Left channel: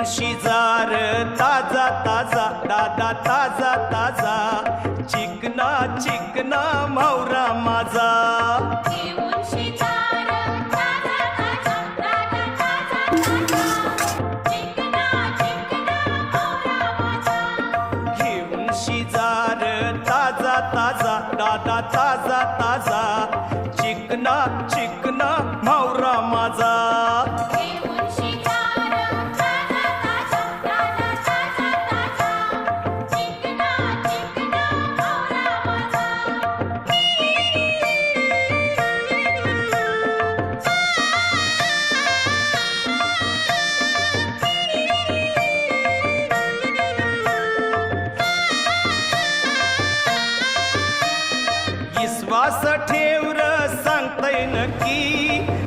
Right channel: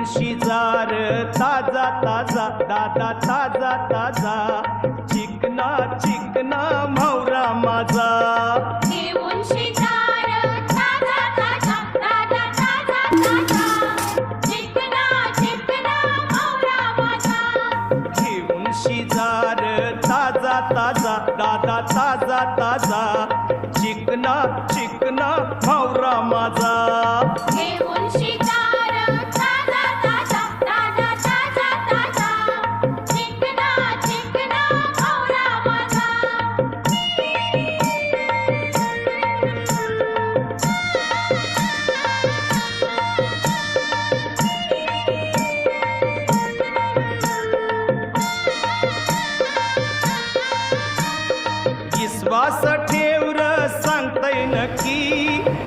घेऊन शिजार ताजा ताजा दादा ताजा ताजा चिकना चिकना म्हावरा माझा घेऊन शिकार ताजा ताजा दादा ताजा ताजा चिकना चिकना म्हावरा माझा घेऊन शिजार ताजा ताजा दादा ताजा ताजा चिकना चिकना म्हावरा माझा घेऊन शिकार ताजा ताजा दादा ताजा ताजा चिकना चिकना म्हावरा माझा विश्वास ठेव र सांगतय नक्की